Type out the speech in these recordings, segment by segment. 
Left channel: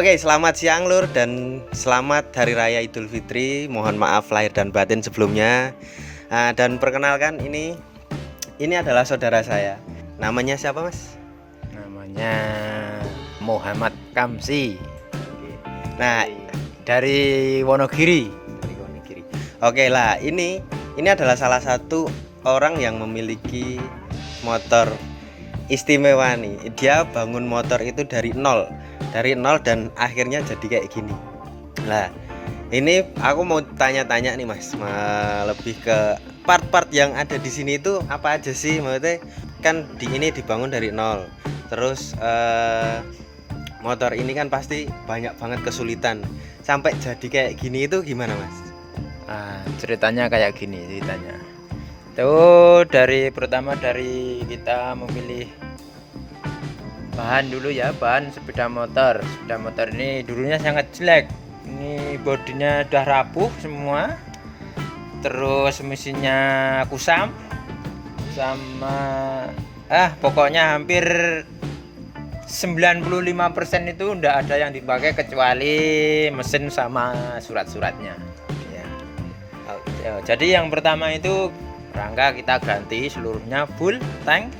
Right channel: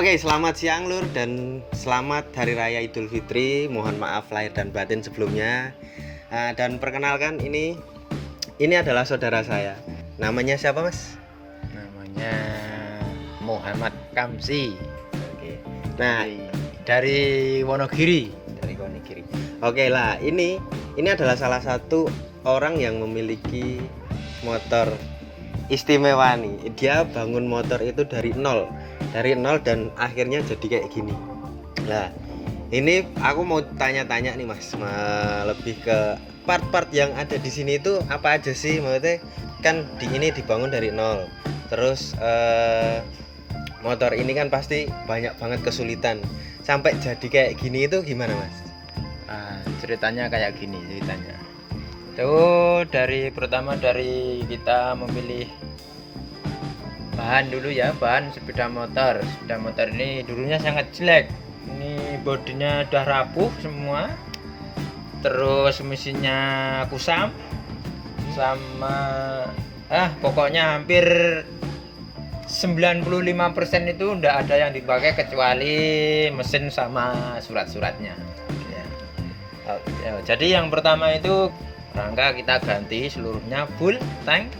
Oke, selamat siang Lur dan selamat Hari Raya Idul Fitri. Mohon maaf lahir dan batin sebelumnya. Dan perkenalkan ini adalah saudara saya. Namanya siapa, Mas? Namanya Muhammad Kamsi. Oke. Nah, Dari Wonogiri. oke lah, ini adalah salah satu orang yang memiliki motor istimewa nih. Dia bangun motor itu dari nol dan akhirnya jadi kayak gini. Nah, ini aku mau tanya-tanya nih Mas, lebih ke part-part yang ada di sini itu apa aja sih? Maksudnya kan ini dibangun dari nol. Terus motor ini kan pasti banyak banget kesulitan. Sampai jadi kayak gini itu gimana Mas? Nah, ceritanya kayak gini ceritanya. Itu pertama dari kita memilih bahan dulu ya, bahan sepeda motor. Sepeda motor ini dulunya sangat jelek. Ini bodinya udah rapuh semua. Terus mesinnya kusam sama pokoknya hampir 95% itu enggak ada yang dipakai kecuali mesin sama surat-suratnya. Jadi yang pertama itu rangka kita ganti seluruhnya full tank.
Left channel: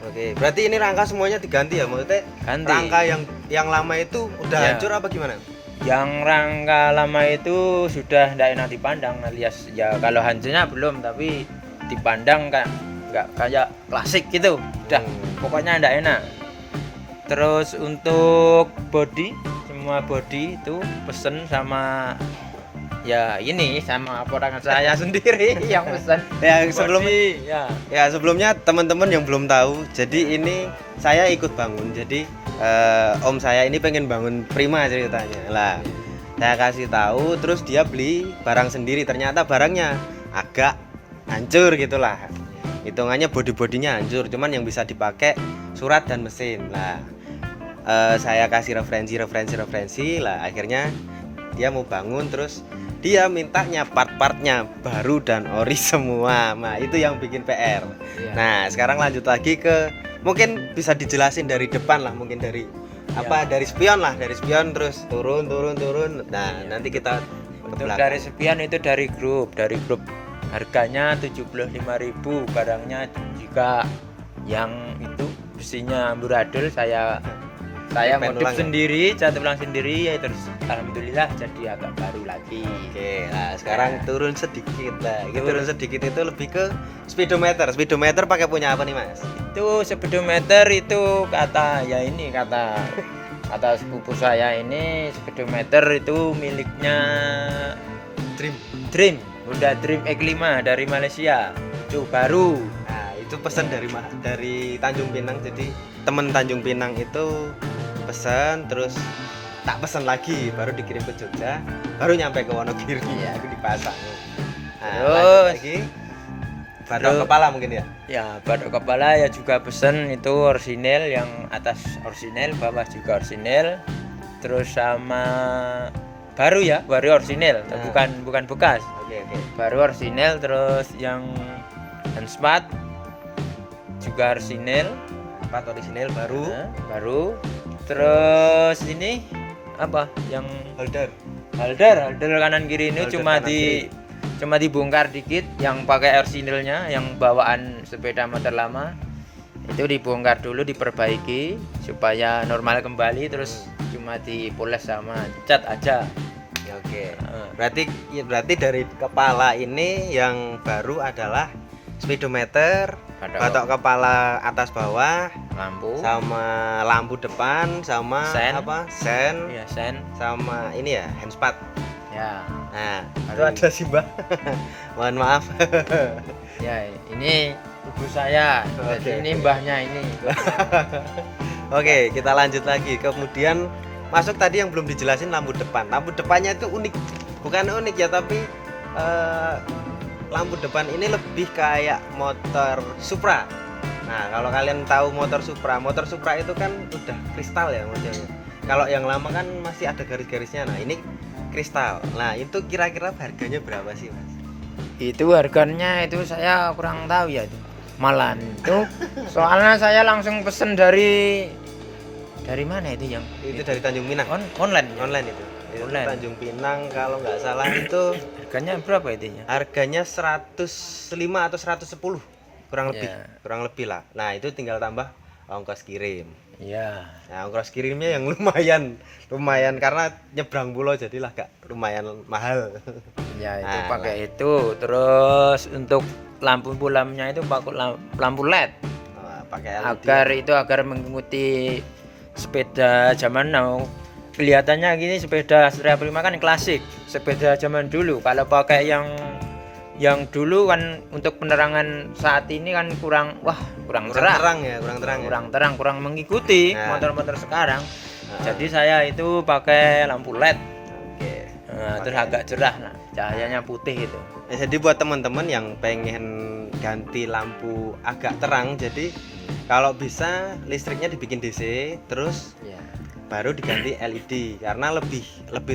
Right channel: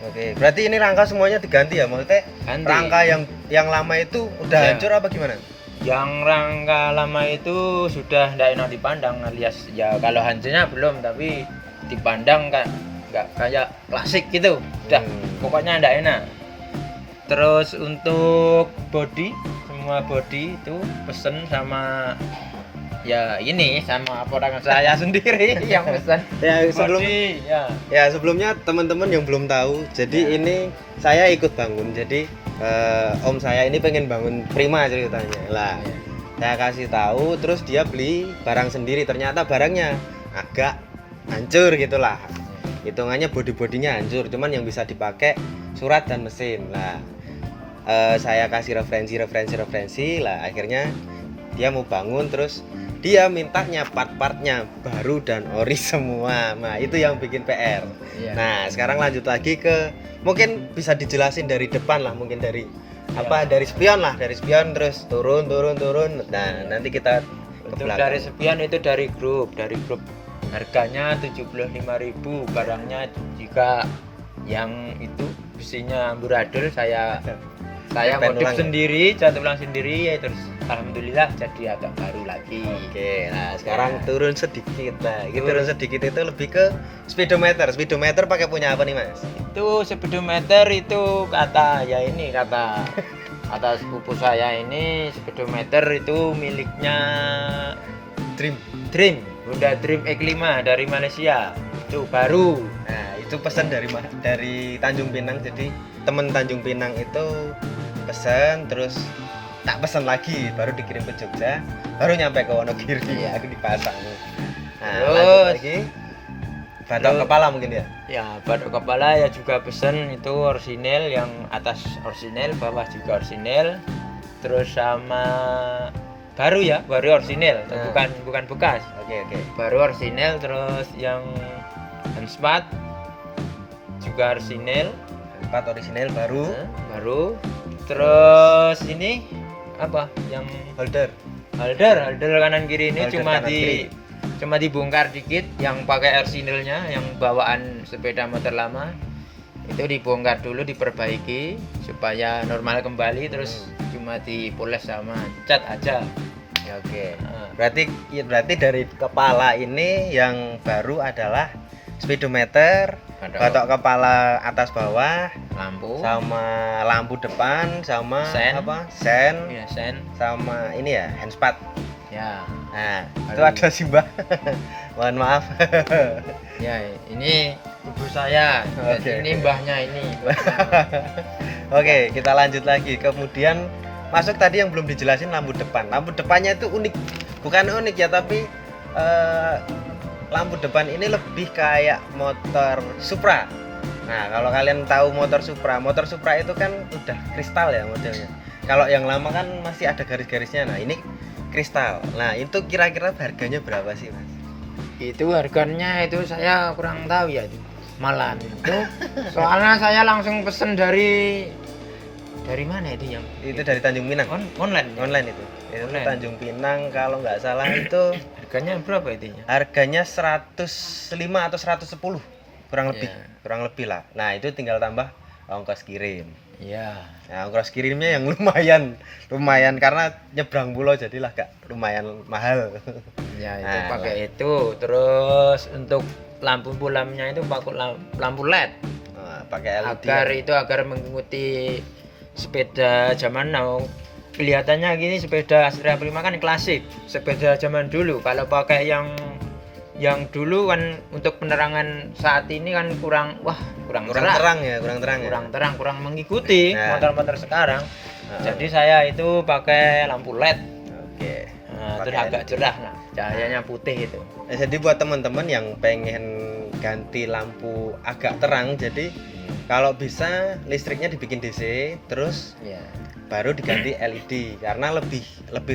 Oke, berarti ini rangka semuanya diganti ya, maksudnya Ganti. rangka yang lama itu udah Ya. hancur apa gimana? Yang rangka lama itu sudah tidak enak dipandang, alias ya kalau hancurnya belum, tapi dipandang kan nggak kayak plastik gitu, udah pokoknya tidak enak. Terus untuk body, semua body itu pesen sama ya ini sama orang saya sendiri yang pesen. Ya sebelumnya teman-teman yang belum tahu, jadi ini saya ikut bangun. Jadi om saya ini pengen bangun Prima ceritanya. Lah, saya kasih tahu, terus dia beli barang sendiri. Ternyata barangnya agak hancur gitulah. Hitungannya body-bodinya hancur, cuman yang bisa dipakai surat dan mesin. Nah, saya kasih referensi lah, akhirnya dia mau bangun, terus dia mintanya part-partnya baru dan ori semua. Nah, itu yang bikin PR. Iya. Nah, sekarang lanjut lagi ke, mungkin bisa dijelasin dari depan lah, mungkin dari dari spion terus turun. Nah, nanti kita ke Untuk belakang. dari sepian itu dari grup harganya 75.000, barangnya jika yang itu besinya amburadul saya Pen modif ulang ya? sendiri, cat ulang sendiri ya, terus alhamdulillah jadi agak baru lagi. Oke, nah sekarang turun sedikit. Nah, turun sedikit itu lebih ke speedometer. Speedometer pakai punya apa nih, Mas? Itu speedometer itu kata sepupu saya, ini speedometer itu miliknya Dream. Honda Dream X5 dari Malaysia, itu baru. Nah, itu pesan dari Tanjung Pinang. Jadi temen Tanjung Pinang itu pesan, terus tak pesan lagi, baru dikirim ke Jogja, baru nyampe ke Wonogiri. Iya. Aku dipasang. Nah, Terus, lanjut lagi. Batok kepala mungkin ya. Ya, batok kepala ya juga pesen, itu orisinil, yang atas orisinil, bawah juga orisinil. Terus sama baru orisinil, Nah. bukan bekas. Oke. Baru orisinil, terus yang handspot juga orisinil, 4 orisinil baru. baru. Terus ini apa? Yang Holder. holder kanan kiri ini Holder cuma kanan kiri. cuma dibongkar dikit, yang pakai orisinilnya, yang bawaan sepeda motor lama itu dibongkar dulu, diperbaiki supaya normal kembali, terus cuma dipoles sama cat aja. Ya, oke. Berarti dari kepala ini yang baru adalah speedometer, batok kepala atas bawah, Lampu sama lampu depan, sama Sen. sen, ya, sen sama ini ya handspot. ya. Nah, itu ada sih Mbak. Mohon maaf. Ya, ini ibu saya. Oke. Ini mbahnya ini. Oke, kita lanjut lagi. Kemudian masuk tadi yang belum dijelasin, lampu depan. Lampu depannya itu unik. Bukan unik ya, tapi lampu depan ini lebih kayak motor Supra. Nah, kalau kalian tahu motor Supra itu kan udah kristal ya modelnya. Kalau yang lama kan masih ada garis-garisnya. Nah, ini kristal. Nah, itu kira-kira harganya berapa sih, Mas? Itu harganya itu saya kurang tahu ya. Malan itu soalnya saya langsung pesen dari Dari mana itu yang Itu dari Tanjung Pinang. online? Online itu. Itu Online. Tanjung Pinang kalau nggak salah itu Harganya berapa itunya? harganya 105 atau 110 kurang lebih. Ya. Kurang lebih lah. Nah, itu tinggal tambah ongkos kirim. Iya. Nah, ongkos kirimnya yang lumayan karena nyebrang pulau jadilah gak lumayan mahal. Ya itu Nah, pakai itu. Terus untuk lampunya itu pakai lampu LED. Nah, pakai LED. Agar mengikuti sepeda zaman now. Kelihatannya gini sepeda Astrea Prima kan klasik, sepeda zaman dulu. Kalau pakai yang dulu kan untuk penerangan saat ini kan kurang terang ya. kurang mengikuti Nah. motor-motor sekarang. Nah. Jadi saya itu pakai lampu LED. Oke. Terus Pakai agak LED. cerah, nah, cahayanya putih itu. Nah, jadi buat teman-teman yang pengen ganti lampu agak terang, jadi kalau bisa listriknya dibikin DC, terus Ya. baru diganti LED karena lebih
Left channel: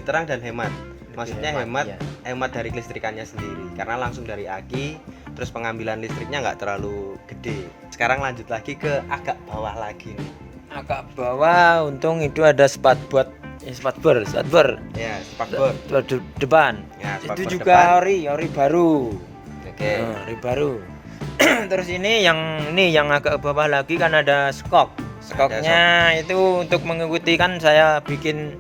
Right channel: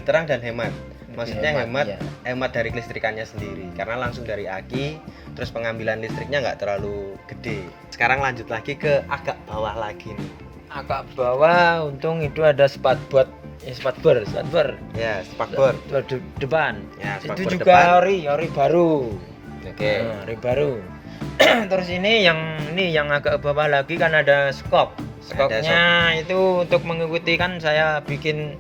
terang dan hemat. Maksudnya hemat, ya. hemat dari kelistrikannya sendiri karena langsung dari aki, terus pengambilan listriknya nggak terlalu gede. Sekarang lanjut lagi ke agak bawah lagi nih. Agak bawah, untung itu ada spakbor. Ya, spakbor. Depan. Ya, Itu spakbor juga depan. ori baru. Oke. Ori baru. Terus ini yang agak bawah lagi kan ada skok. Skoknya itu untuk mengikuti kan saya bikin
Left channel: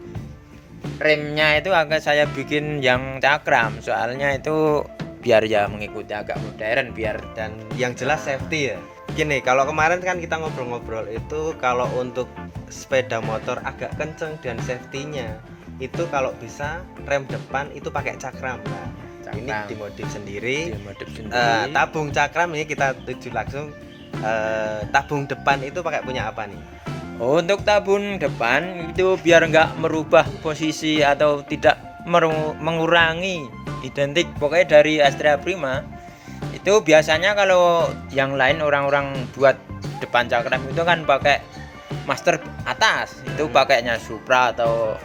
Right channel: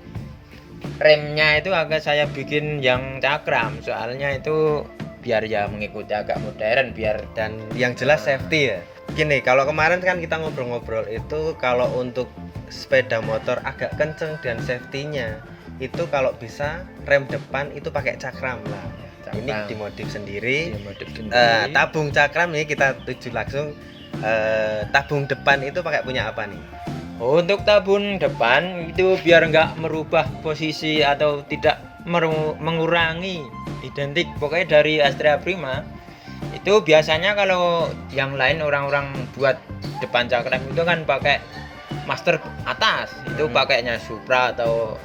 remnya itu saya bikin yang cakram. Soalnya itu biar ya mengikuti agak modern biar Dan yang jelas safety ya. Gini, kalau kemarin kan kita ngobrol-ngobrol itu kalau untuk sepeda motor agak kenceng dan safety-nya itu kalau bisa rem depan itu pakai cakram. Nah, ini dimodif sendiri. dimodif sendiri. Tabung cakram ini kita tuju langsung. Tabung depan itu pakai punya apa nih? Untuk tabung depan itu biar nggak merubah posisi atau tidak mengurangi identik pokoknya dari Astrea Prima. Itu biasanya kalau yang lain orang-orang buat depan cakram itu kan pakai master atas, itu pakainya Supra atau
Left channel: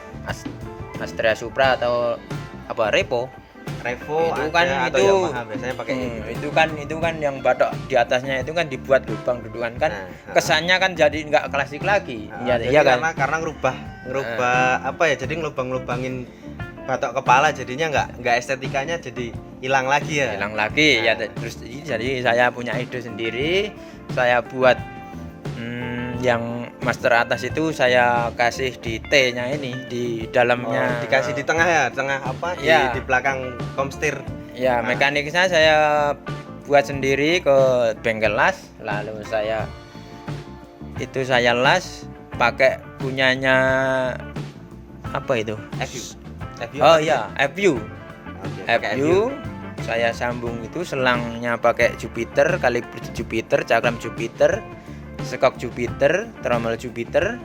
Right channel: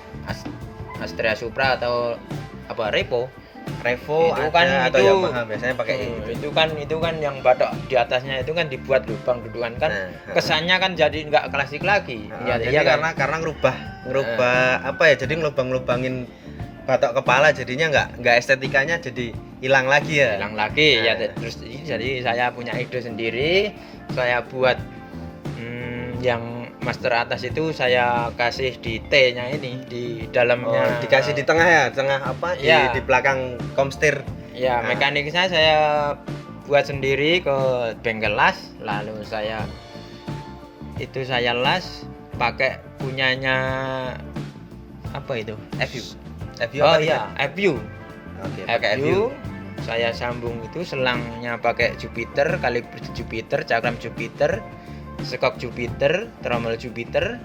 Astrea Supra atau apa Revo. Revo Itu ada kan atau itu- Yamaha biasanya pakai gitu. itu kan yang batok di atasnya itu kan dibuat lubang dudukan kan. Nah, Kesannya kan jadi nggak klasik lagi. jadi Iya kan? karena ngerubah apa ya, jadi ngelubang-lubangin batok kepala jadinya nggak estetikanya jadi hilang lagi ya. Hilang lagi ya. Nah. Terus jadi saya punya ide sendiri, saya buat yang master atas itu saya kasih di T-nya ini di dalamnya. Dikasih di tengah ya, tengah apa? Iya. Di belakang komstir. Ya, Nah. mekaniknya saya buat sendiri ke bengkel las, lalu saya las pakai punyanya apa itu? FU. FU Oh apa? iya, FU. Oke, pakai FU. Saya sambung itu selangnya pakai Jupiter, kaliber Jupiter, cakram Jupiter, skok Jupiter, trommel Jupiter.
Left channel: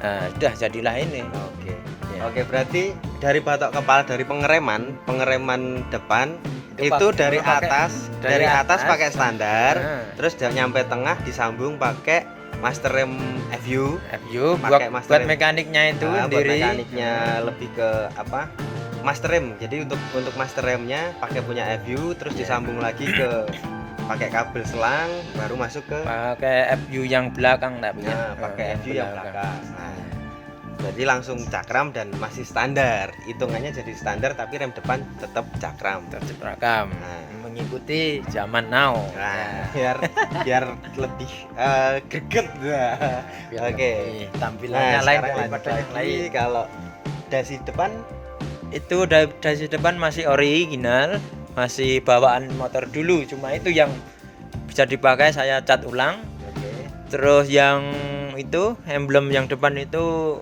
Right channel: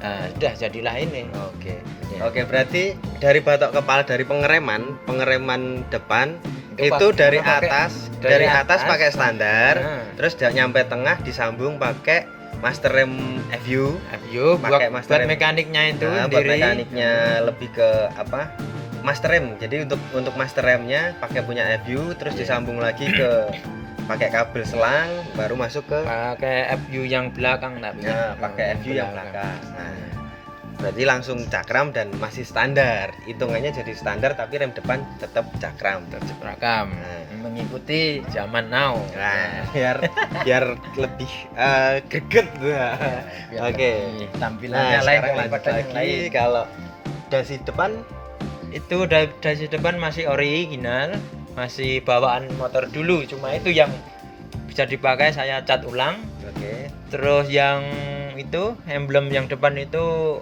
Sudah jadilah ini. Oke. Ya. Oke, berarti dari batok kepala, dari pengereman depan Itu itu dari pakai- atas, dari dari atas atas. pakai standar, Nah. terus nyampe tengah disambung pakai master rem FU. FU Pakai buat master rem. mekaniknya itu Nah, buat sendiri. mekaniknya lebih ke apa? Master rem. Jadi untuk master remnya pakai punya FU, terus Iya. disambung lagi ke pakai kabel selang, baru masuk ke Pakai FU yang belakang tapi. pakai FU yang belakang. Nah, berarti langsung cakram dan masih standar. Hitungannya jadi standar tapi rem depan tetap cakram. Belakang. Nah. Mengikuti zaman now. Nah, biar lebih greget. Nah. Biar Oke. lebih Nah, tampilannya lain sekarang lanjut daripada yang lagi lain. kalau dasi depan Itu dasi depan masih original, masih bawaan motor dulu, cuma itu yang bisa dipakai saya cat ulang. oke. Terus yang itu emblem yang depan itu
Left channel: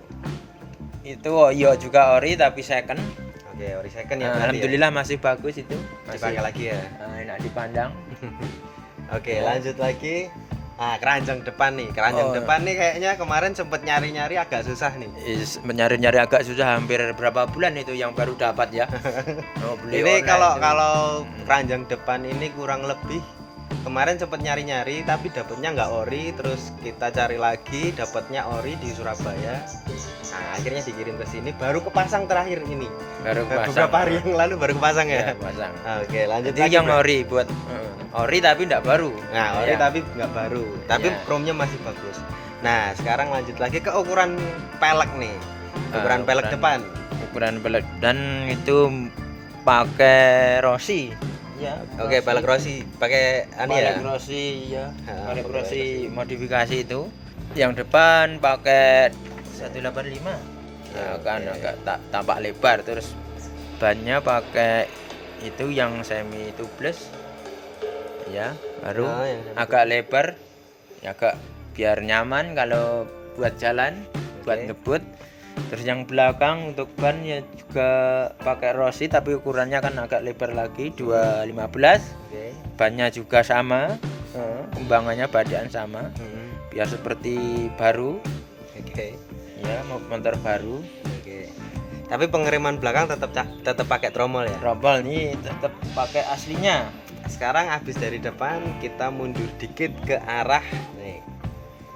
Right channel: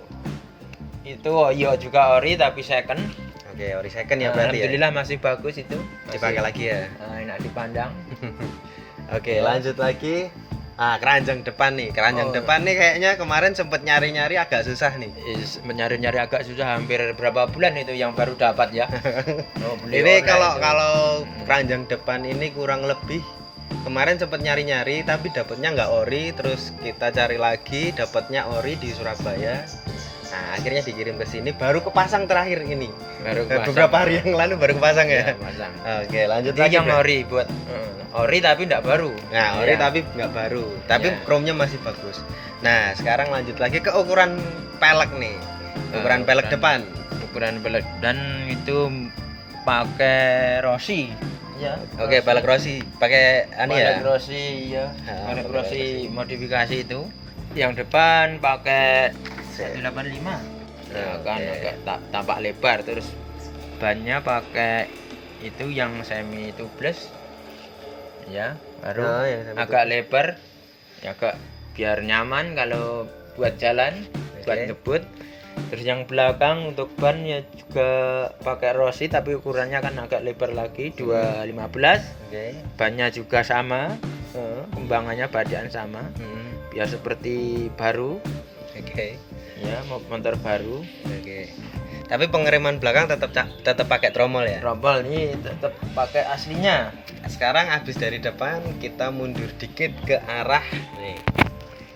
iya juga ori tapi second. Oke, ori second ya berarti ya. Alhamdulillah masih bagus itu. Dipakai lagi ya. Enak dipandang. Oke, lanjut lagi. Keranjang depan nih. Keranjang Oh. depan nih kayaknya kemarin sempet nyari-nyari agak susah nih. Menyari-nyari agak susah, hampir berapa bulan itu yang baru dapat ya. Beli Ini online kalau itu. kalau keranjang depan ini kurang lebih kemarin sempet nyari-nyari tapi dapatnya nggak ori, terus kita cari lagi dapatnya ori di Surabaya. Nah, akhirnya dikirim ke sini baru kepasang terakhir ini. baru pasang. Beberapa hari yang lalu baru kepasang ya. Pasang. Oke, lanjut Itu lagi. yang Bro. ori buat ori tapi enggak baru. Nah, ori Iya. tapi nggak baru, tapi Iya. chrome-nya masih bagus. Nah, sekarang lanjut lagi ke ukuran pelek nih. Ukuran pelek depan. Ukuran pelek dan itu pakai Rossi. Ya. Oke, pelek Rossi pakai Pelek ya. Rossi ya. Ah, Pelek pelek Rossi modifikasi itu. Yang depan pakai 185. Ya kan Oke. agak tampak lebar, terus bannya pakai itu yang semi tubeless. Ya, baru Oh, yang semi agak lebar. Ya agak biar nyaman kalau buat jalan, buat Oke. ngebut. Terus yang belakang untuk ban ya juga pakai Rossi tapi ukurannya kan agak lebar lagi 215. Oke. Bannya juga sama, kembangannya badan sama, biar seperti baru Oke. ya, motor baru. Oke. Tapi pengereman belakang tetap pakai tromol ya. Rompol ini tetap pakai aslinya. Sekarang habis dari depan kita mundur dikit ke arah nih.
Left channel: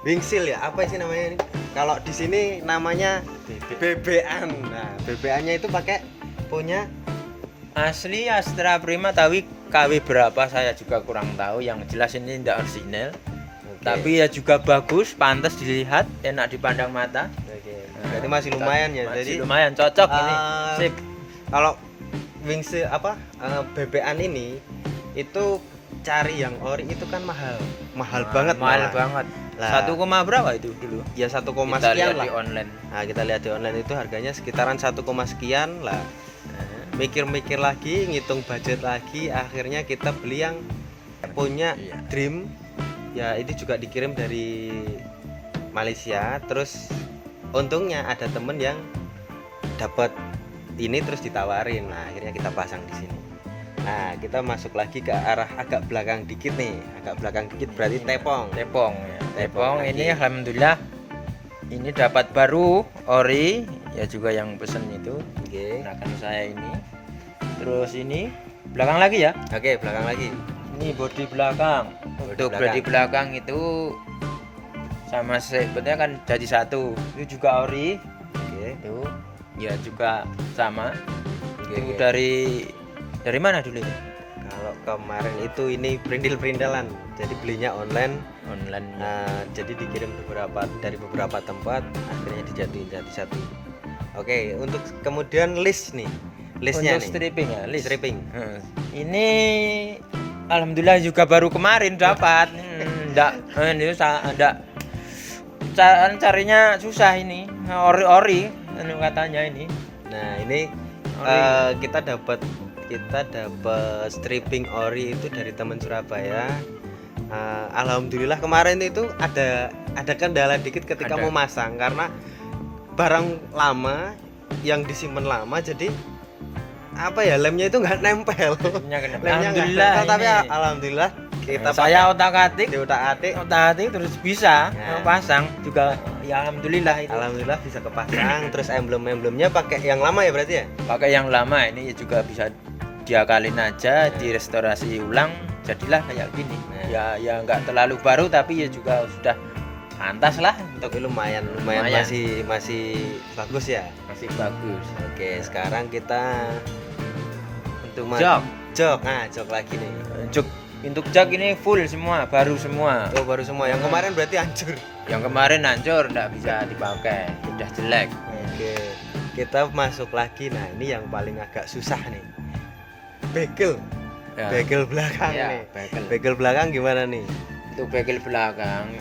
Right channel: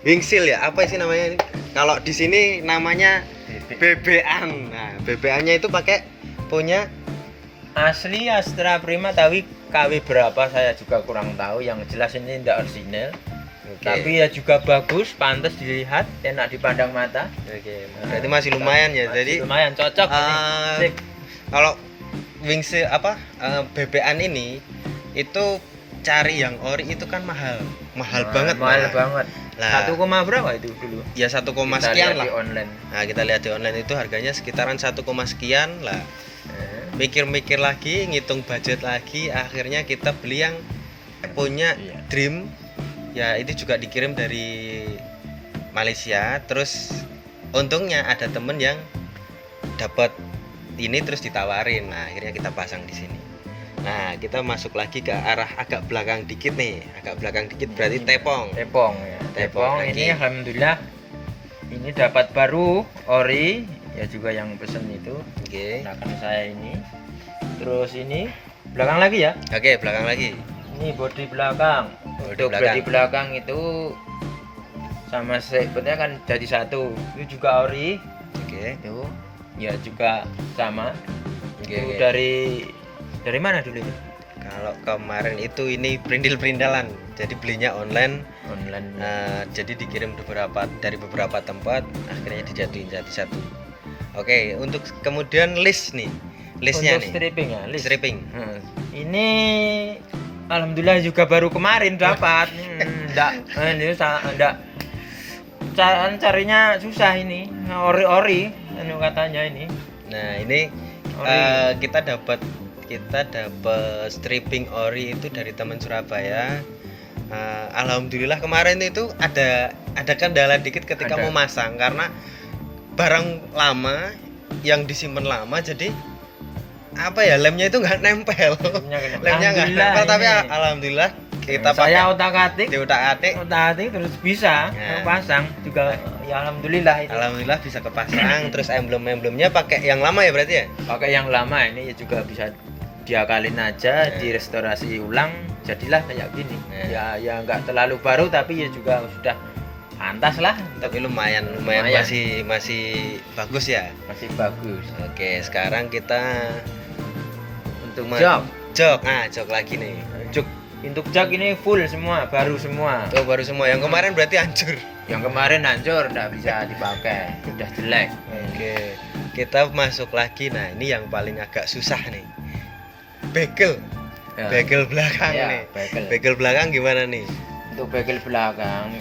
Wingsil ya, apa sih namanya ini? Kalau di sini namanya BB-an. Nah, BB-annya itu pakai punya Asli Astra Prima, tapi KW berapa saya juga kurang tahu. Yang jelas ini tidak original. Oke. Tapi ya juga bagus, pantas dilihat, enak dipandang mata. Oke. Berarti masih lumayan ya. Masih Jadi lumayan cocok ini. eh, Sip. kalau wingsil BB-an ini itu cari yang ori itu kan mahal banget. Mahal Mas. banget. Lah. 1, berapa itu dulu? Ya 1, Kita sekian lihat lah. di online. Nah, kita lihat di online itu harganya sekitaran 1, sekian lah. Mikir-mikir lagi, ngitung budget lagi, akhirnya kita beli yang punya Iya. Dream. Ya, itu juga dikirim dari Malaysia. Terus untungnya ada temen yang dapat ini terus ditawarin. Nah, akhirnya kita pasang di sini. Nah, kita masuk lagi ke arah agak belakang dikit nih. Agak belakang dikit berarti tepong. Tepong ya. Tepong Tepong lagi. ini alhamdulillah ini dapat baru ori ya, juga yang pesen itu Oke. gunakan saya ini. Terus ini belakang lagi ya. Oke, belakang lagi. Ini bodi belakang. Bodi Untuk belakang. bodi belakang itu sama sebetulnya kan jadi satu. Itu juga ori. Oke. Itu ya juga sama. Oke, Itu oke. dari mana dulu itu? Kalau kemarin itu ini perindil-perindalan. Jadi belinya online. Online. Jadi dikirim dari beberapa tempat, akhirnya dijatuhin jadi satu. Oke, untuk kemudian list nih. Listnya untuk nih. stripping ya, list. Stripping. Ini alhamdulillah juga baru kemarin dapat. Ini enggak carinya susah ini. Ori katanya ini. Nah, ini Ori. kita dapat stripping ori itu dari teman Surabaya. Alhamdulillah kemarin itu ada kendala dikit ketika Ada. memasang karena barang lama yang disimpan lama, jadi apa ya, lemnya itu nggak nempel. Lemnya nggak Alhamdulillah nempel, tapi ini. alhamdulillah kita saya pakai otak-atik diutak-atik. terus bisa Ya. pasang juga ya, alhamdulillah itu. Alhamdulillah bisa kepasang. Terus emblem-emblemnya pakai yang lama ya berarti ya. Pakai yang lama ini ya juga bisa diakalin aja, Ya. direstorasi ulang, jadilah kayak gini. Ya. Ya nggak terlalu baru tapi ya juga sudah pantas lah, Tapi lumayan Lumayan. masih bagus ya. masih bagus. Oke, sekarang kita untuk Jok. jok lagi nih. Untuk jok ini full semua, baru semua. Tuh baru semua. Yang kemarin berarti hancur. Yang kemarin hancur, nggak bisa dipakai, udah jelek. Oke, kita masuk lagi. Nah, ini yang paling agak susah nih. Bekel. Ya. Bekel belakang Ya, nih. bekel. Bekel belakang gimana nih? Untuk bekel belakang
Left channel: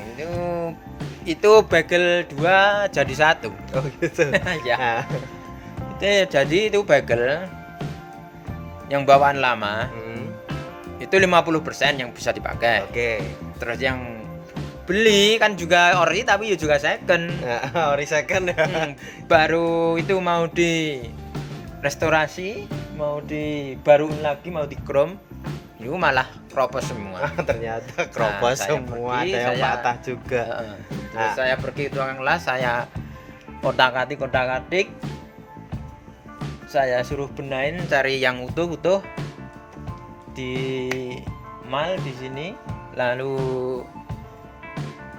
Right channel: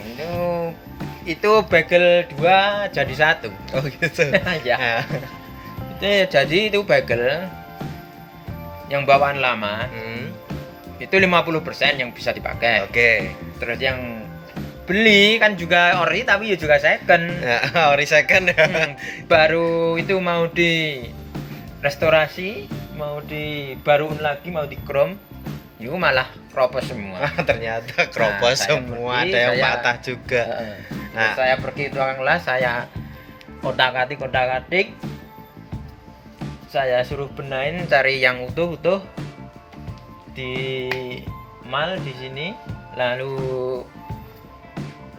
itu bekel 2 jadi 1. Oh gitu. Ya. Nah, Jadi itu bekel yang bawaan lama itu 50% yang bisa dipakai. Oke. Terus yang beli kan juga ori tapi ya juga second. Nah, ori second ya. Baru itu mau di restorasi, mau dibaruin lagi, mau di chrome, itu malah kropos semua. Ternyata kropos Nah, saya semua, pergi, ada yang saya- patah juga. Terus Nah. saya pergi tukang las, saya otak-atik, saya suruh benain, cari yang utuh di mal di sini, lalu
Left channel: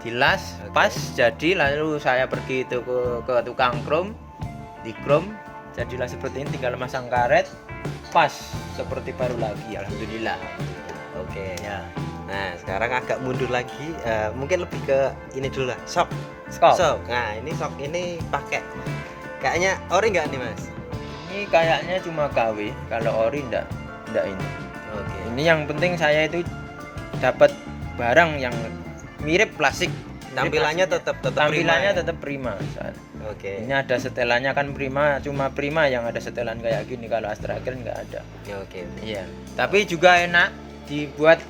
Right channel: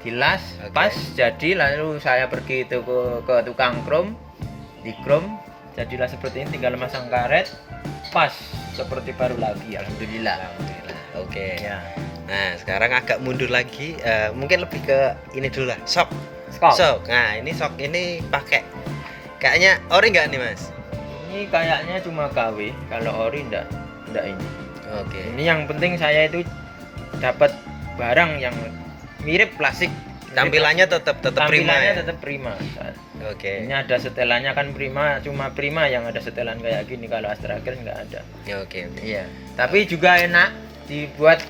dilas Oke. pas jadi, lalu saya pergi itu ke tukang chrome, di chrome jadilah seperti ini, tinggal masang karet pas seperti baru lagi, alhamdulillah. Alhamdulillah. Oke. Ya. Nah, sekarang agak mundur lagi, mungkin lebih ke ini dulu lah, sok. Skop. Sok. Nah, ini sok ini pakai kayaknya ori nggak nih, Mas? Ini kayaknya cuma KW, kalau ori enggak ini. Oke. Ini yang penting saya itu dapat barang yang mirip plastik. Tampilannya tetap prima Tampilannya ya. tetap prima. Oke. Ini ada setelannya kan prima, cuma prima yang ada setelan kayak gini, kalau Astragen nggak ada. Oke. Iya. Tapi juga enak dibuat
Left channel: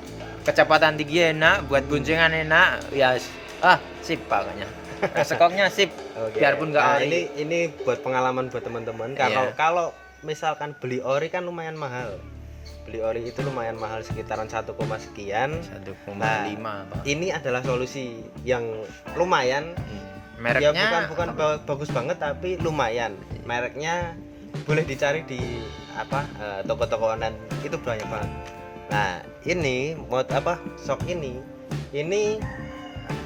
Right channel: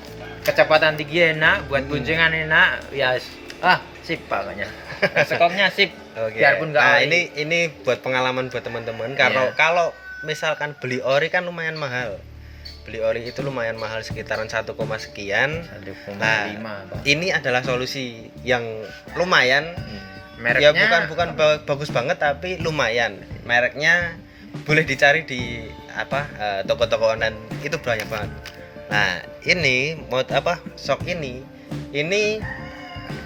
kecepatan tinggi, enak buat guncingan enak. Ya sip pokoknya. Skopnya sip. Oke. Biarpun nggak Nah, ori. ini buat pengalaman buat teman-teman. Kalau misalkan beli ori kan lumayan mahal. Beli ori itu lumayan mahal, sekitaran 1, sekian. 1,5 Nah, Bang. ini adalah solusi yang lumayan. Mereknya Ya bukan bagus banget tapi lumayan. Mereknya boleh dicari di toko-toko online itu banyak banget. Nah, ini sok ini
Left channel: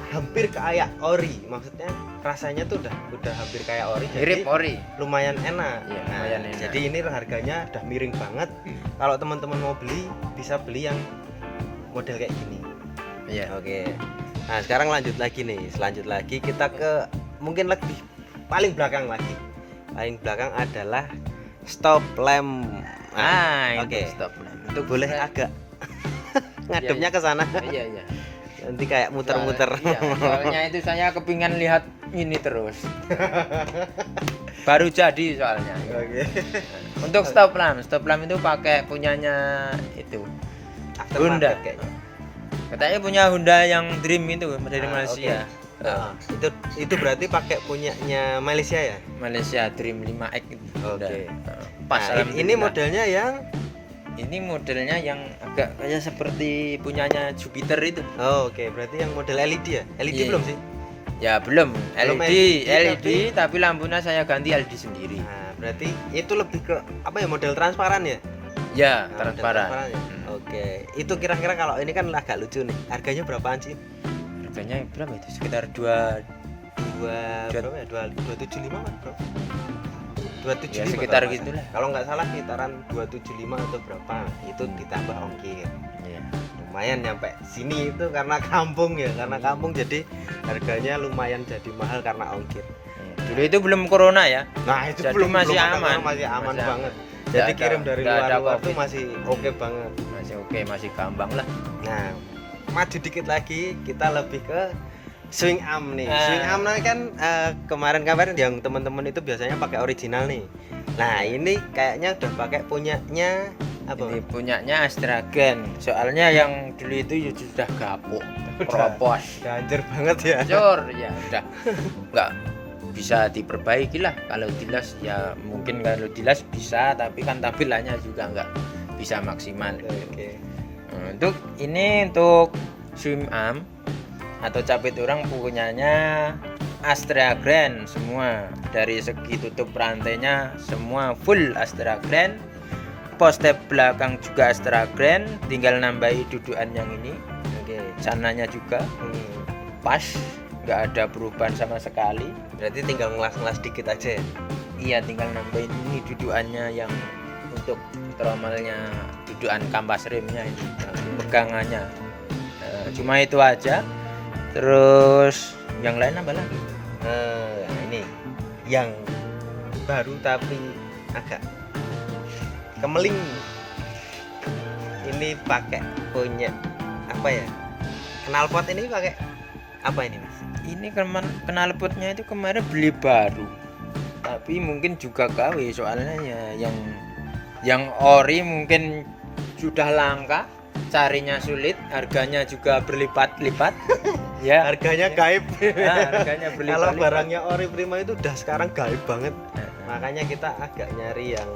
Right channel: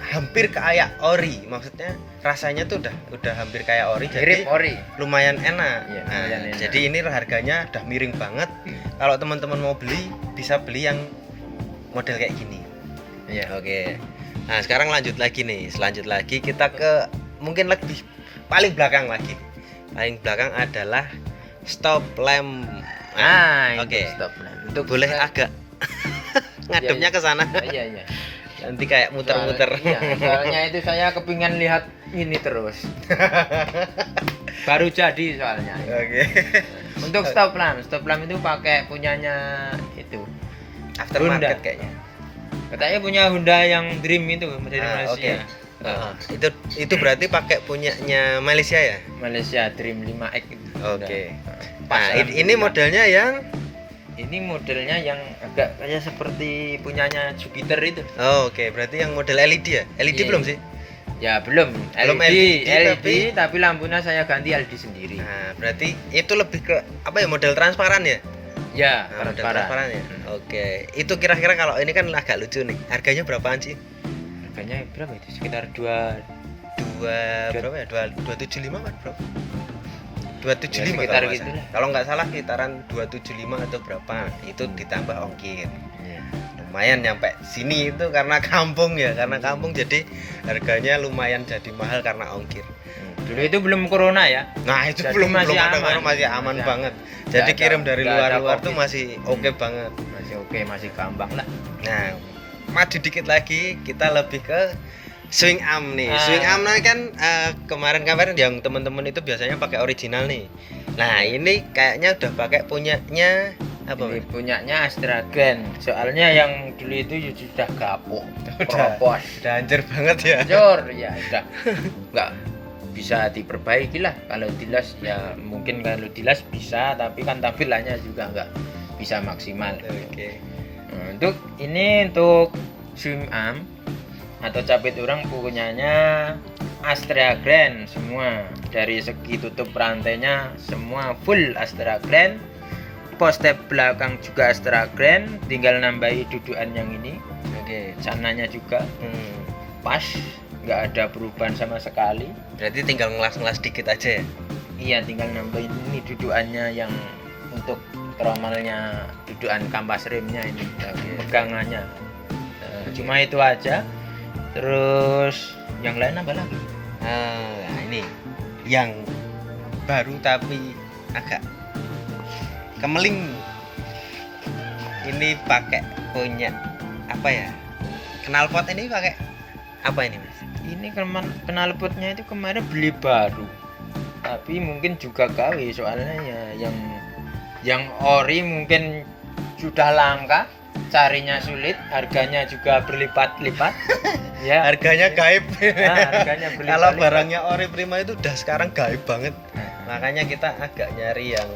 hampir kayak ori, maksudnya rasanya tuh udah hampir kayak ori, mirip jadi ori. lumayan enak. Iya, Nah, lumayan enak. jadi ini harganya udah miring banget. Kalau teman-teman mau beli bisa beli yang model kayak gini. Iya. Oke. Nah, sekarang lanjut lagi kita ke mungkin lebih paling belakang lagi. Paling belakang adalah stop lamp. Oke. Stop. Itu boleh agak ngadepnya ke sana. Iya. Nanti kayak muter-muter. Soalnya itu saya kepingin lihat ini terus. Baru jadi soalnya. Oke. Untuk stop lamp itu pakai punyanya itu Aftermarket Honda. kayaknya. Katanya punya Honda yang Dream itu dari Malaysia. Itu berarti pakai punyanya Malaysia ya? Malaysia Dream 5X itu. Oke. Pas Nah, ini modelnya yang modelnya yang agak kayak seperti punyanya Jupiter itu. oke, berarti yang model LED ya? LED Iya. belum sih? Ya belum LED, tapi lampunya saya ganti LED sendiri. Nah, berarti itu lebih ke model transparan ya? Ya, Nah, model transparan ya. Oke. Itu kira-kira kalau ini kan agak lucu nih. Harganya berapaan sih? Harganya berapa itu? Sekitar Berapa ya? 275 kan, Bro? 275 Ya, sekitar kalau nggak gitu salah. lah. Kalau nggak salah sekitaran 275 atau berapa. Itu ditambah ongkir. Iya. Lumayan nyampe sini itu karena kampung ya, jadi harganya lumayan jadi mahal karena ongkir. Dulu itu belum corona ya. Nah, itu Jadi belum masih ada aman. corona, masih aman Masih banget. Jadi Nggak kirim ada- dari nggak ada luar-luar tuh COVID. masih oke banget. Masih oke, masih gampang lah. Nah, maju dikit lagi kita lebih ke swing arm nih. Swing arm kan kemarin-kemarin yang teman-teman itu biasanya pakai original nih. Nah, ini kayaknya udah pakai punyanya apa? Ini punyanya Astragen. Soalnya yang dulu itu sudah kapok, Udah. keropos. Udah hancur banget ya. Hancur ya udah. Nggak bisa diperbaiki lah. Kalau dilas ya mungkin kalau dilas bisa, tapi kan tampilannya juga nggak bisa maksimal. Oke. Nah, untuk swim arm atau capit orang punyanya Astragen semua, dari segi tutup rantainya semua full Astragen, poste belakang juga Astragen, tinggal nambahi dudukan yang ini, Oke. sananya juga pas, nggak ada perubahan sama sekali. Berarti tinggal ngelas-ngelas dikit aja ya. Iya, tinggal nambahin ini dudukannya yang untuk tromelnya, dudukan kampas remnya ini, pegangannya. Cuma itu aja. Terus yang lain apa lagi? Nah, ini yang baru tapi agak kemeling. Ini pakai punya apa ya? Knalpot ini pakai apa ini, Mas? Ini knalpotnya itu kemarin beli baru, tapi mungkin juga KW, soalnya ya yang ori mungkin sudah langka, carinya sulit, harganya juga berlipat-lipat. Ya, Harganya gaib. harganya berlipat-lipat. Kalau barangnya ori prima itu udah sekarang gaib banget. Makanya kita agak nyari yang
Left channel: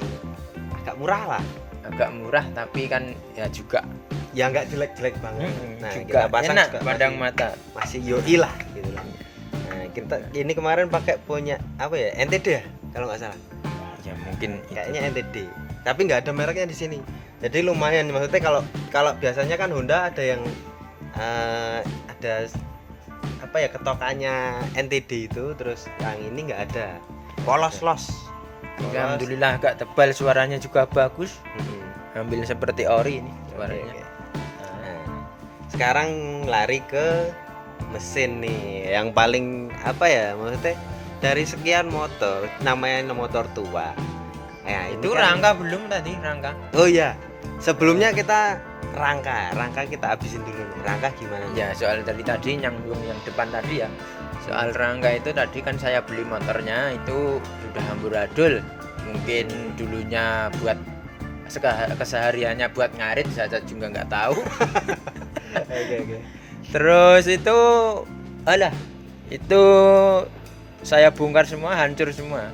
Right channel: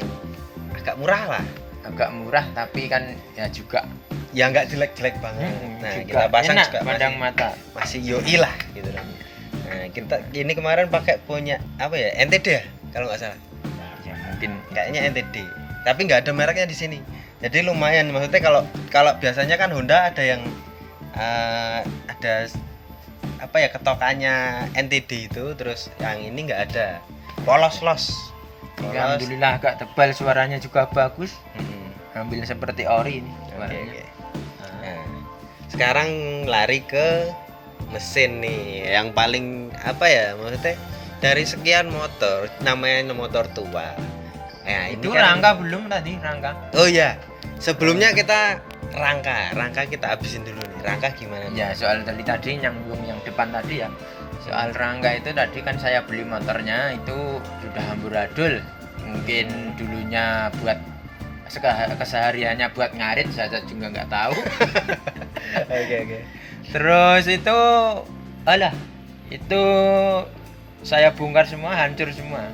agak murah lah. Agak murah tapi kan ya juga Ya nggak jelek-jelek banget. Nah, juga kita pasang enak juga pandang mata. masih yoi lah gitu loh. Nah, kita ini kemarin pakai punya apa ya? NTD ya kalau nggak salah. Ya mungkin Kayaknya NTD. Tapi nggak ada mereknya di sini. Jadi lumayan, maksudnya kalau biasanya kan Honda ada yang ada apa ya, ketokannya NTD itu, terus yang ini nggak ada. Polos. alhamdulillah agak tebal, suaranya juga bagus. Mm-mm. Ambil seperti ori ini Oke, suaranya. oke. sekarang lari ke mesin nih, yang paling apa ya, maksudnya dari sekian motor namanya motor tua. Nah, ini Itu kan rangka belum tadi, rangka. oh ya, sebelumnya kita rangka kita habisin dulu nih. Rangka gimana nih? Ya, soal tadi yang depan tadi ya. Soal rangka itu tadi kan saya beli motornya itu sudah amburadul. Mungkin dulunya buat kesehariannya buat ngarit, saya juga nggak tahu. Oke. Terus itu itu saya bongkar semua, hancur semua.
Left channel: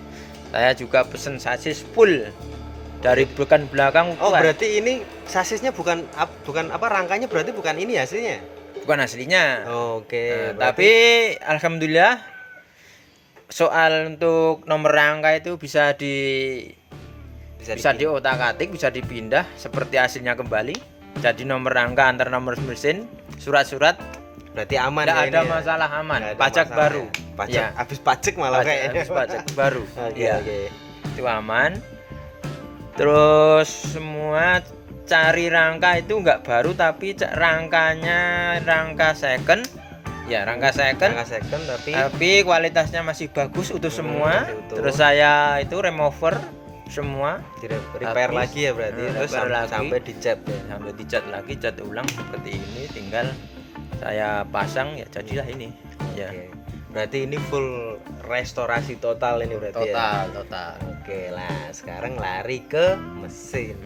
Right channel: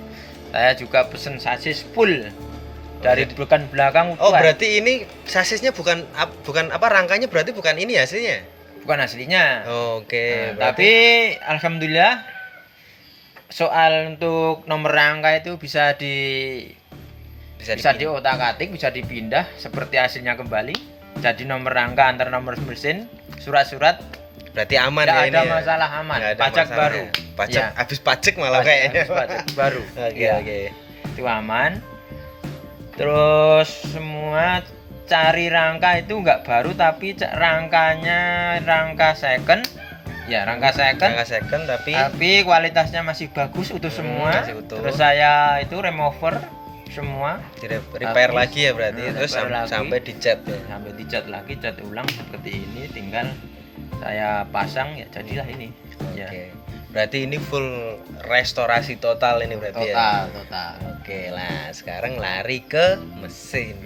Saya juga pesen sasis full dari bukan belakang. Oh, kuat. berarti ini sasisnya bukan apa, rangkanya berarti bukan ini aslinya. Bukan aslinya. Oke, Nah, tapi alhamdulillah soal untuk nomor rangka itu bisa diotak-atik, bisa dipindah seperti aslinya kembali. Jadi nomor rangka antar nomor mesin, surat-surat berarti aman tidak ya ada ini ya? masalah, aman. Nggak ada Pajak masalah baru. ya? Pajak Ya. habis pajak malah kayaknya. Pajak baru. Oke, Ya, oke. itu aman. Terus semua cari rangka itu nggak baru, tapi rangkanya rangka second. Ya, rangka second. Rangka second tapi Kualitasnya masih bagus, utuh semua. masih utuh. Terus saya itu remover semua, repair habis. lagi ya berarti. Terus Repair lagi. sampai dicat ya. sampai dicat lagi, cat ulang seperti ini, tinggal saya pasang ya jadilah ini. Ya. Oke. Berarti ini full restorasi total ini berarti ya. Total. Oke, lah sekarang lari ke mesin.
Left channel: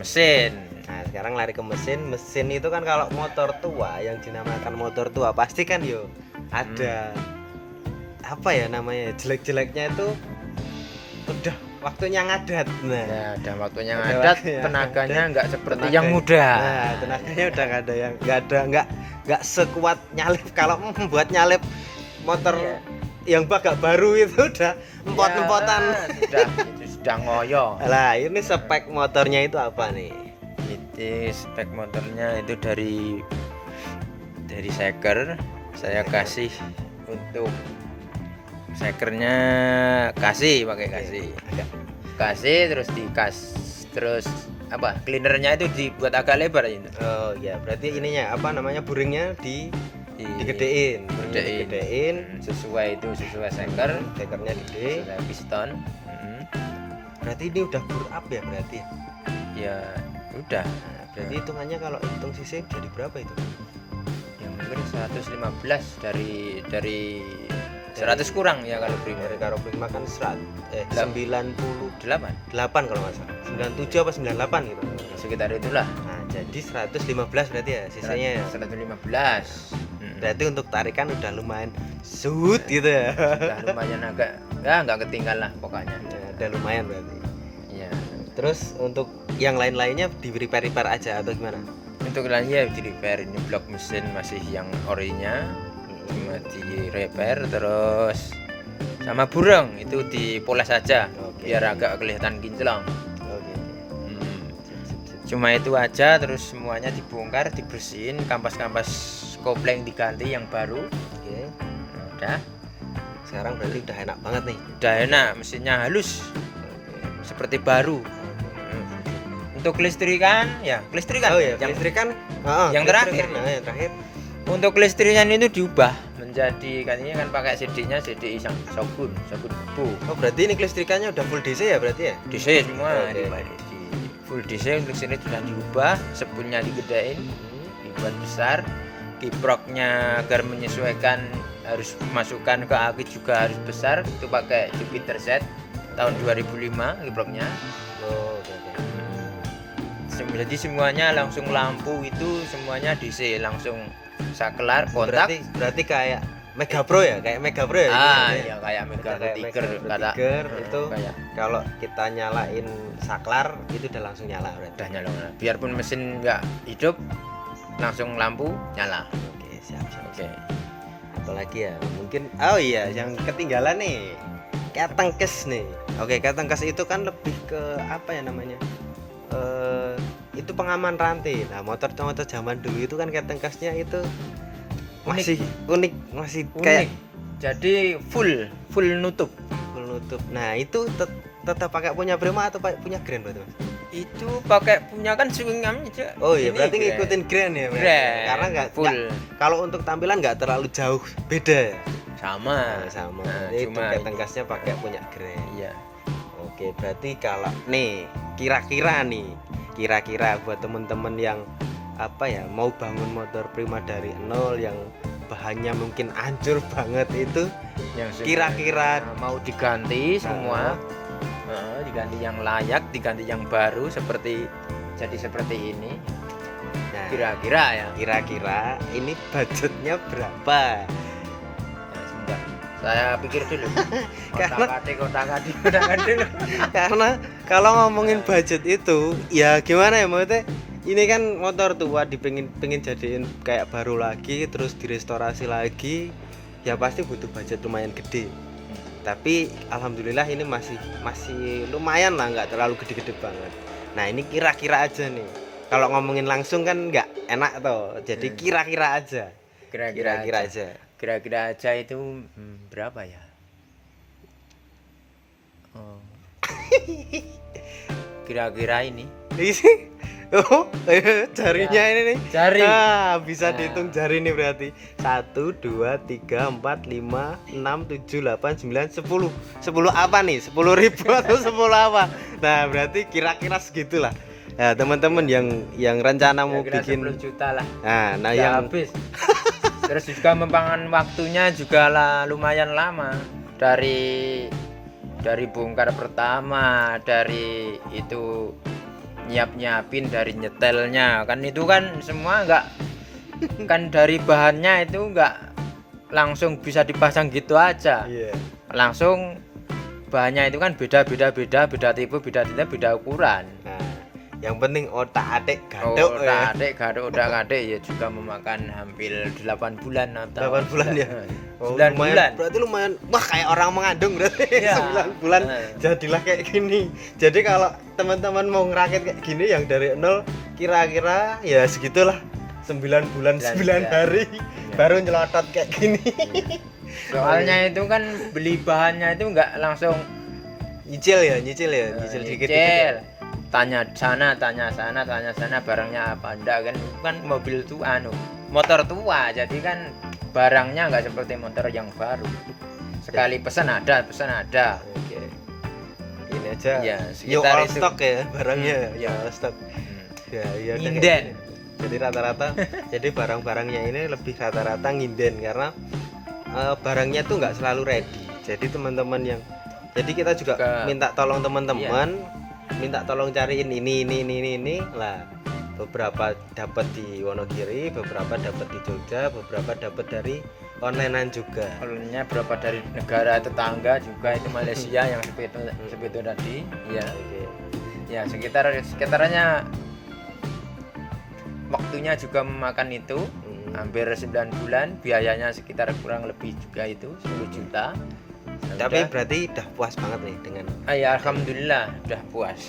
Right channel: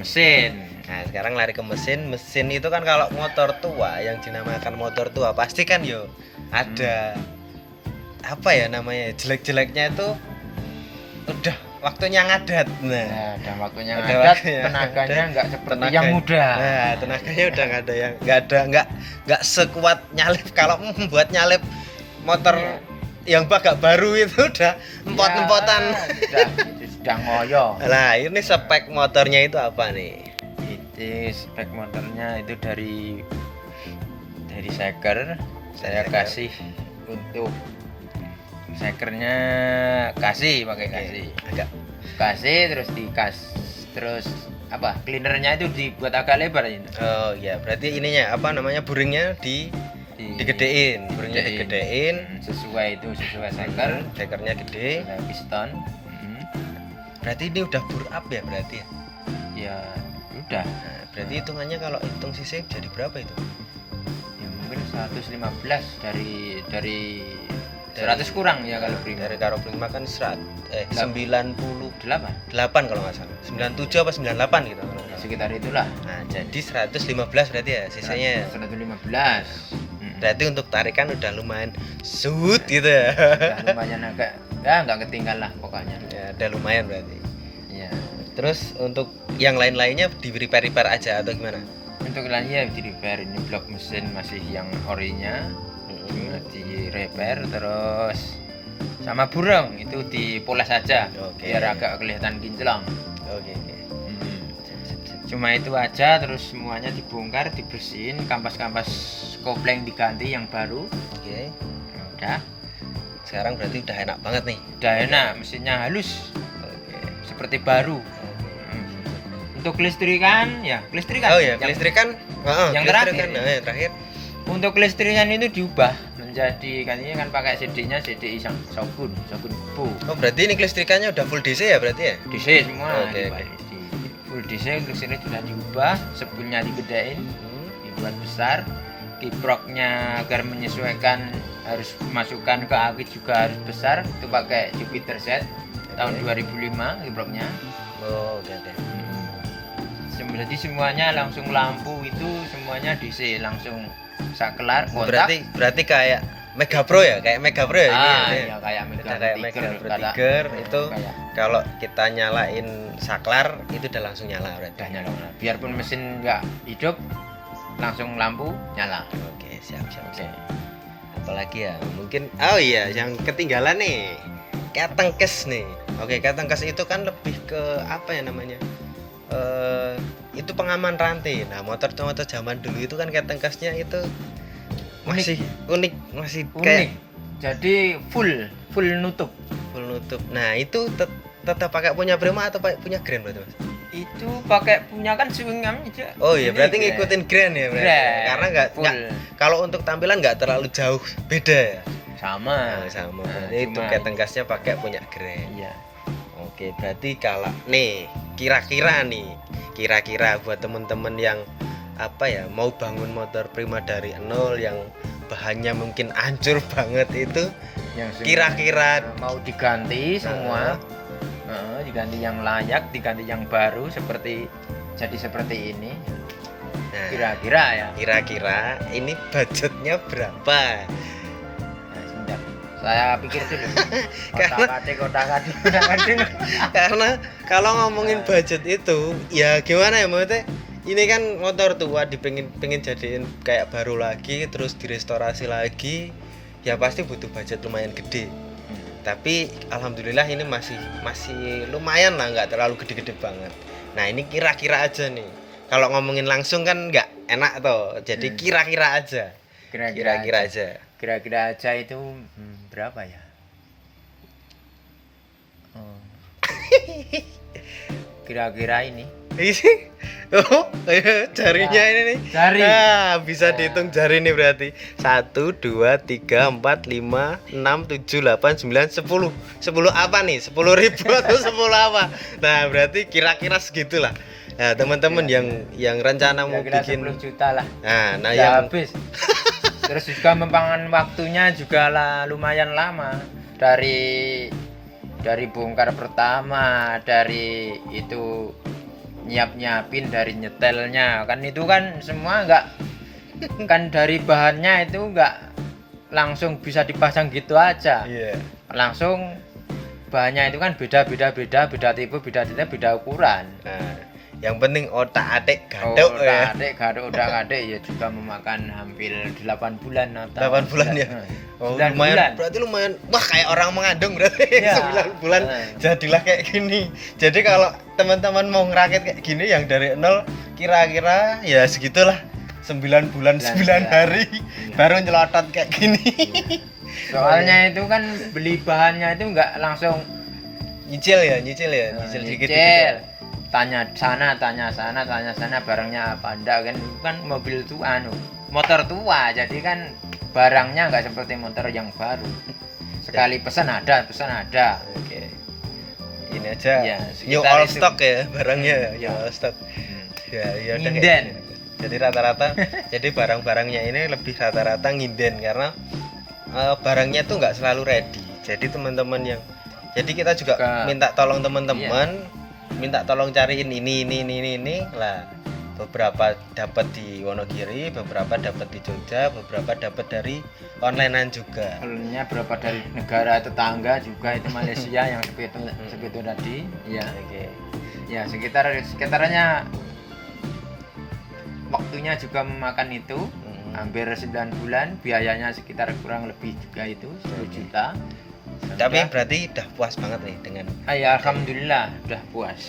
Nah, sekarang lari ke mesin. Mesin itu kan kalau motor tua, yang dinamakan motor tua, pasti kan yo ada apa ya namanya, jelek-jeleknya itu udah waktunya ngadat. Nah, Ya, dan waktunya Ada ngadat, waktunya. tenaganya nggak seperti tenaga- yang muda. Nah, tenaganya udah nggak sekuat nyalip. Kalau buat nyalip motor yang agak baru itu udah empot-empotan. Itu sudah ngoyo. Lah, ini spek motornya itu apa nih? Itu spek motornya itu dari seker. Saya Seker. kasih untuk sekernya, pakai kasih. Ada. Kasih terus terus apa? Cleanernya itu dibuat agak lebar itu. Oh ya, berarti ininya apa namanya, buringnya digedein, buringnya digedein, Sesuai seker. sekernya gede. Sesuai piston. Berarti ini udah bur up ya berarti ya. Ya udah. Nah, berarti hitungannya kalau hitung cc jadi berapa itu? Ya, mungkin 115 dari 100 kurang ya kalau prima. Dari karo prima kan 98 kalau nggak salah. 97 apa 98 gitu. Sekitar itulah. Nah, jadi 115 berarti ya sisanya ya. 115. Berarti untuk tarikan udah lumayan sud gitu ya. Udah lumayan agak ya nggak ketinggalan lah pokoknya. Ya, udah lumayan berarti. Iya. Terus untuk yang lain-lainnya di repair aja atau gimana? Untuk lain ya di repair, ini blok mesin masih yang orinya cuma di repair, terus sama burung itu dipoles saja. Oke. Biar agak kelihatan kinclong. Oke. Cuma itu aja, terus semuanya dibongkar, dibersihin, kampas-kampas kopling diganti yang baru. Oke. Udah Sekarang berarti udah enak banget nih. udah enak, mesinnya halus Oke. seperti baru. Untuk kelistrikan Oh ya, kelistrikan. yang kelistrikan. terakhir. Nah, yang terakhir. Untuk kelistrikan itu diubah menjadi, katanya kan pakai CD-nya CDI sabun bu. Oh, berarti ini kelistrikannya udah full DC ya berarti ya? DC semua Oke, dibalik. Di full DC untuk sini sudah diubah, sepunnya digedein, dibuat besar, kiproknya agar menyesuaikan harus masukkan ke aki juga harus besar, itu pakai Jupiter Z tahun 2005 kiproknya. Oh, oke. Jadi semuanya langsung lampu itu semuanya DC langsung saklar kotak. Berarti kayak Mega Pro ya, kayak Mega Pro ya ini. Iya kayak Mega Kayak Mega Pro Tiger itu kalau kita nyalain saklar itu udah langsung nyala berarti. udah nyala. Biarpun mesin nggak hidup langsung lampu nyala. Oke, siap. Oke. Apalagi ya, mungkin oh iya yang ketinggalan nih. Ketengkes nih. Oke, ketengkes itu kan lebih ke apa ya namanya? Itu pengaman rantai. Nah, motor-motor zaman dulu itu kan ketengkesnya itu masih unik, masih kayak Jadi full nutup. full nutup. Nah, itu tetap pakai punya Prima atau pakai punya Grand berarti, Mas? Itu pakai punya kan swingam aja. Oh iya, Ini berarti grand. ngikutin grand ya, Mas? Grand. Karena nggak kalau untuk tampilan nggak terlalu jauh beda ya. Sama. Nah, sama. Nah, Berarti cuma- tuket gasnya pakai punya grand. Iya. Oke, berarti kalau nih kira-kira buat temen-temen yang apa ya mau bangun motor Prima dari nol yang bahannya mungkin hancur banget itu, Yang semua kira-kira mau diganti semua. Diganti yang layak, diganti yang baru seperti ini. nah, Kira-kira ya. kira-kira ini budgetnya berapa? Sebentar. Saya pikir dulu. Karena- Kotak-atik dulu. Karena kalau ngomongin budget itu ya gimana ya, maksudnya ini kan motor tua pengen jadiin kayak baru lagi terus direstorasi lagi, ya pasti butuh budget lumayan gede. Tapi alhamdulillah ini masih lumayan lah, nggak terlalu gede-gede banget. Nah ini kira-kira aja nih, kalau ngomongin langsung kan nggak enak toh, jadi kira-kira aja. Kira-kira aja. Kira-kira aja itu berapa ya? Oh. Kira-kira ini Oh, jarinya ini nih. Jari. Nah, bisa dihitung jari nih berarti. 1 2 3 4 5 6 7 8 9 10. 10 apa nih? 10.000 atau 10 apa? Nah, berarti kira-kira segitulah. Nah, teman-teman yang rencana mau kira-kira bikin 10 juta lah. nah Udah yang habis. Terus juga membangun waktunya juga lah lumayan lama. Dari bongkar pertama, dari itu nyiapin dari nyetelnya kan itu kan semua enggak kan dari bahannya itu enggak langsung bisa dipasang gitu aja. iya. Langsung bahannya itu kan beda tipe, beda ukuran. Nah, yang penting otak-atik gaduk ya. Gaduk ya juga memakan hampir 8 bulan atau 8 bulan ya. Oh, 9 lumayan, bulan. berarti lumayan. Wah, kayak orang mengandung berarti. Iya. 9 bulan Nah. jadilah kayak gini. Jadi kalau teman-teman mau ngerakit kayak gini yang dari nol kira-kira ya segitulah. 9 bulan 9 hari baru nyelotot kayak gini. Soalnya itu kan beli bahannya itu enggak langsung Nyicil nyicil dikit. nyicil. Tanya sana barangnya apa enggak kan mobil tua motor tua jadi kan barangnya enggak seperti motor yang baru. Sekali pesan ada. Oke. Ini aja. Ya, New sekitar all itu. stock ya barangnya. Ya. All stock. Ya, udah kayak Nginden. gini. Jadi rata-rata jadi barang-barangnya ini lebih rata-rata nginden karena barangnya tuh nggak selalu ready. Jadi teman-teman yang jadi kita juga minta tolong teman-teman minta tolong cariin ini lah. Beberapa dapat di Wonogiri, beberapa dapat di Jogja, beberapa dapat dari onlinean juga. Onlinenya berapa dari negara tetangga juga itu Malaysia yang seperti tadi. Ya. Oke. Ya sekitarnya waktunya juga memakan itu hampir 9 bulan, biayanya sekitar kurang lebih juga itu 10 juta. Tapi berarti udah puas banget nih dengan Ya alhamdulillah udah puas.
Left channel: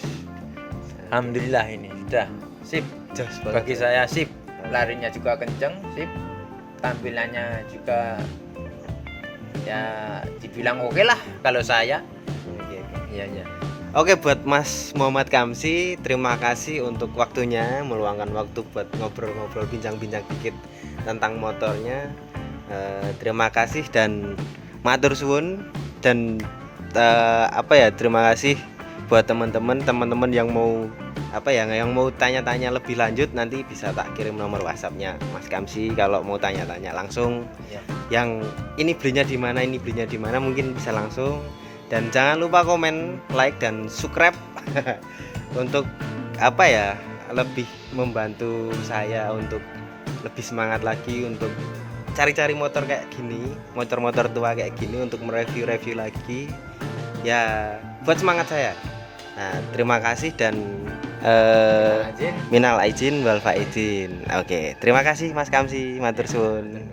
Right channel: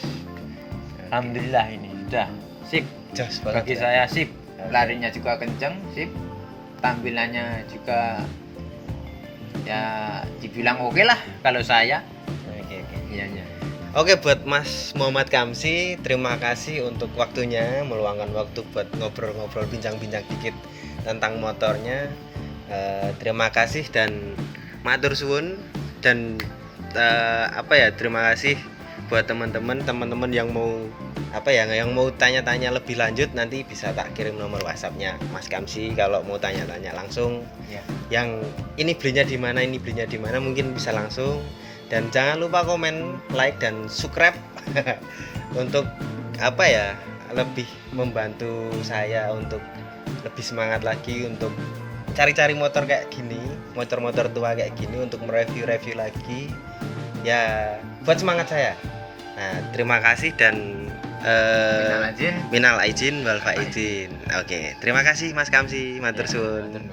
Alhamdulillah ini sudah sip. jos banget. Bagi ya. saya sip. Larinya juga kenceng, sip. Tampilannya juga ya dibilang oke lah kalau saya. Oke. Iya. Oke, buat Mas Muhammad Kamsi, terima kasih untuk waktunya, meluangkan waktu buat ngobrol-ngobrol, bincang-bincang dikit tentang motornya. Terima kasih dan matur suwun dan terima kasih buat teman-teman yang mau yang mau tanya-tanya lebih lanjut nanti bisa tak kirim nomor WhatsApp-nya Mas Kamsi kalau mau tanya-tanya langsung. Ya. Yang ini belinya di mana mungkin bisa langsung. Dan jangan lupa komen, like dan subscribe untuk lebih membantu saya untuk lebih semangat lagi untuk cari-cari motor kayak gini, motor-motor tua kayak gini untuk mereview lagi. Ya, buat semangat saya. Nah, terima kasih dan minal aijin wal faizin. Oke, terima kasih Mas Kamsi, matur suwun.